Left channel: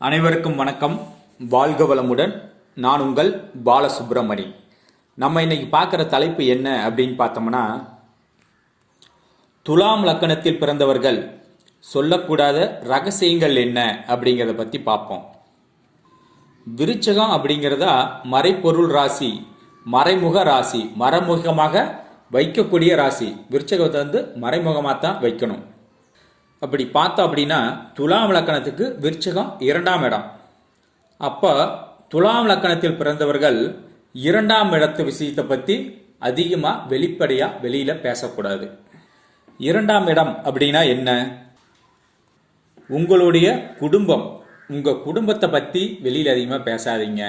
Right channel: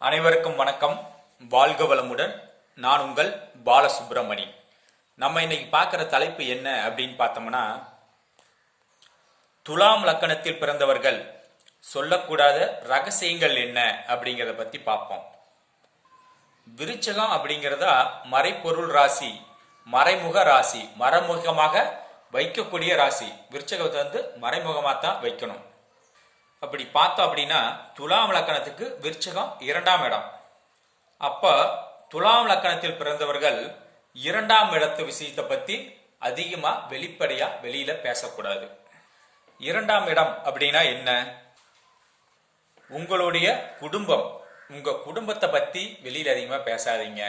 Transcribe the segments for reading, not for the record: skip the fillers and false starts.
அனைவருக்கும் வணக்கம். வாழ்க வளமுடன். நான் உங்கள் பாலசுப்ரமணி. நம்ம இன்னைக்கு பார்க்குற தலைப்பு என்ன அப்படின்னு பார்த்தோம்னா, துலாம் லக்கணத்தில் பிறந்தவர்கள் சொல்லக்கூடாத ரகசியங்கள் என்ன அப்படிங்கிறத பற்றி பார்ப்போம். விருச்சகம் அப்படிங்கிறதா மறைப்பொருள் ராசி, மறைமுக ராசி, மறைமுகமாக வைக்கக்கூடிய ராசி. விருச்சகத்தை வந்து மறைமுகமாக தான் வைக்கணும். அப்படி பார்த்தோம் அப்படின்னா துலாம் லக்கணத்துக்கு விருச்சகம் 2ஆம் இடம். அப்போ துலாம் லக்கணத்தில் பிறந்தவர்கள் 2ஆம் இடத்து விஷயத்தை பற்றி அதிகமாக வெளிப்படையாக வெளியில் பேசக்கூடாது. 2ஆம் இடம் அப்படின்னா என்ன? உங்களுடைய குடும்பம். உங்கள் குடும்பத்தை பற்றி வெளியில் அதிகமாக பேசாதீங்க.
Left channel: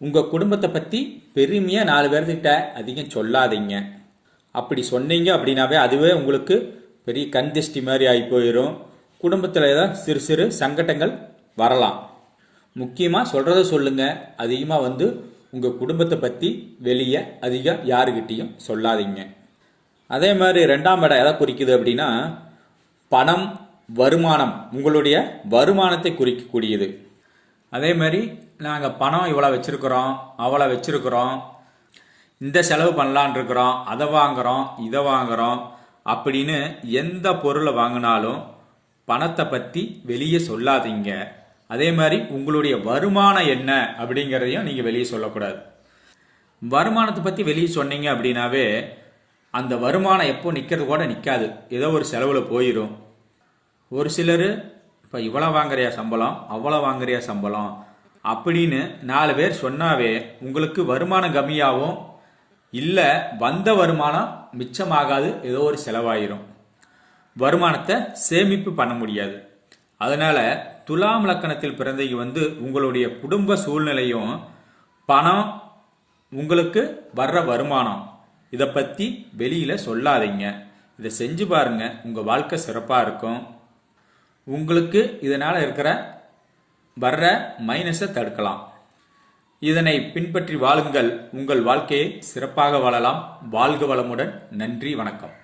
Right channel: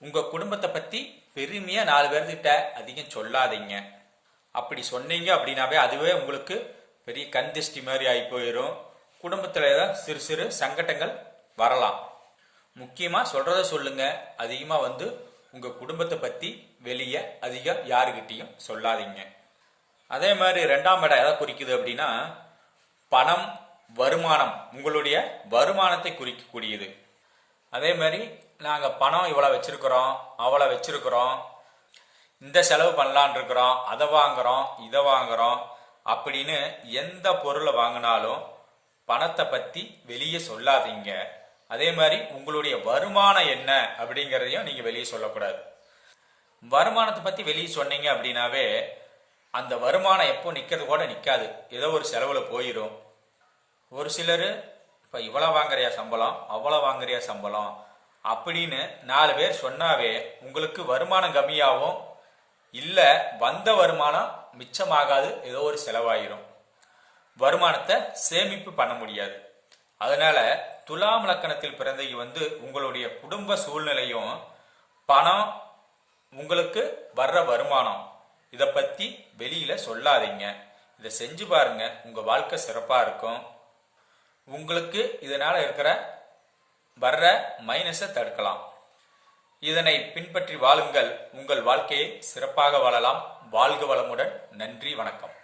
உங்கள் குடும்பத்தை பற்றி பெருமையாக 4 பேர்கிட்ட அதிகம் சொல்லாதீங்க. அப்படி சொன்னீங்க அப்படின்னாவே அதுவே உங்களுக்கு பெரிய கந்திஷ்டி மாதிரி ஆகி போயிடும். குடும்பத்தில் ஏதாவது சிறு சிறு சங்கடங்கள் வரலாம். முக்கியமாக சொல்கிறத சொல்லுங்கள். அதிகமாக வந்து உங்கள் குடும்பத்தை பற்றி வெளியே அதிகம் யாருக்கிட்டையும் சொல்லாதீங்க. அதே மாதிரி 2ஆம் இடம் எதை குறிக்குது அப்படின்னா பணம், வருமானம். உங்களுடைய வருமானத்தை குறிக்கக்கூடியது. அதே மாதிரி நாங்கள் பணம் இவ்வளோ வச்சுருக்குறோம், அவ்வளோ வச்சுருக்குறோம், இந்த செலவு பண்ணலான் இருக்கிறோம், அதை வாங்குகிறோம், இதை வாங்குகிறோம் அப்படின்னு எந்த பொருளை வாங்கினாலும் பணத்தை பற்றி வெளியே சொல்லாதீங்க. அதே மாதிரி உங்களுடைய வருமானம் என்ன அப்படிங்கிறதையும் நீங்கள் வெளியே சொல்லக்கூடாது. வருமானத்தை பற்றி வெளியே சொன்னீங்க அப்படின்னாவே அந்த வருமானம் எப்போ நிற்கிறது கூட நிற்காது. ஏதோ ஒரு செலவில் போயிடும். ஒரு சிலர் இப்போ இவ்வளோ வாங்குறியா சம்பளம், அவ்வளோ வாங்குறியா சம்பளம் அப்படின்னு 4 பேர் சொன்னாவே உங்களுக்கு வருமானம் கம்மியாகும். இல்லை வந்த வருமானம் மிச்சமாகாது, ஏதோ ஒரு செலவாயிரும். வருமானத்தை சேமிப்பு பண்ண முடியாது. அதனால துலாம் லக்கணத்தில் பிறந்தவங்க வந்து உங்களுடைய குடும்ப சூழ்நிலையும் பணம், உங்களுக்கு வர்ற வருமானம் இதை பற்றி வெளியில் சொல்லாதீங்க. இதை செஞ்சு பாருங்க, உங்கள் வாழ்க்கை சிறப்பாக இருக்கும். உங்களுக்கு இதனால் இருக்கிற வர்ற மைனஸை தடுக்கலாம். இதனை பின்பற்றி வாழுங்கள். உங்கள் வாழ்க்கையை சிறப்பாக வாழலாம். வாழ்க வளமுடன். நன்றி, வணக்கம்.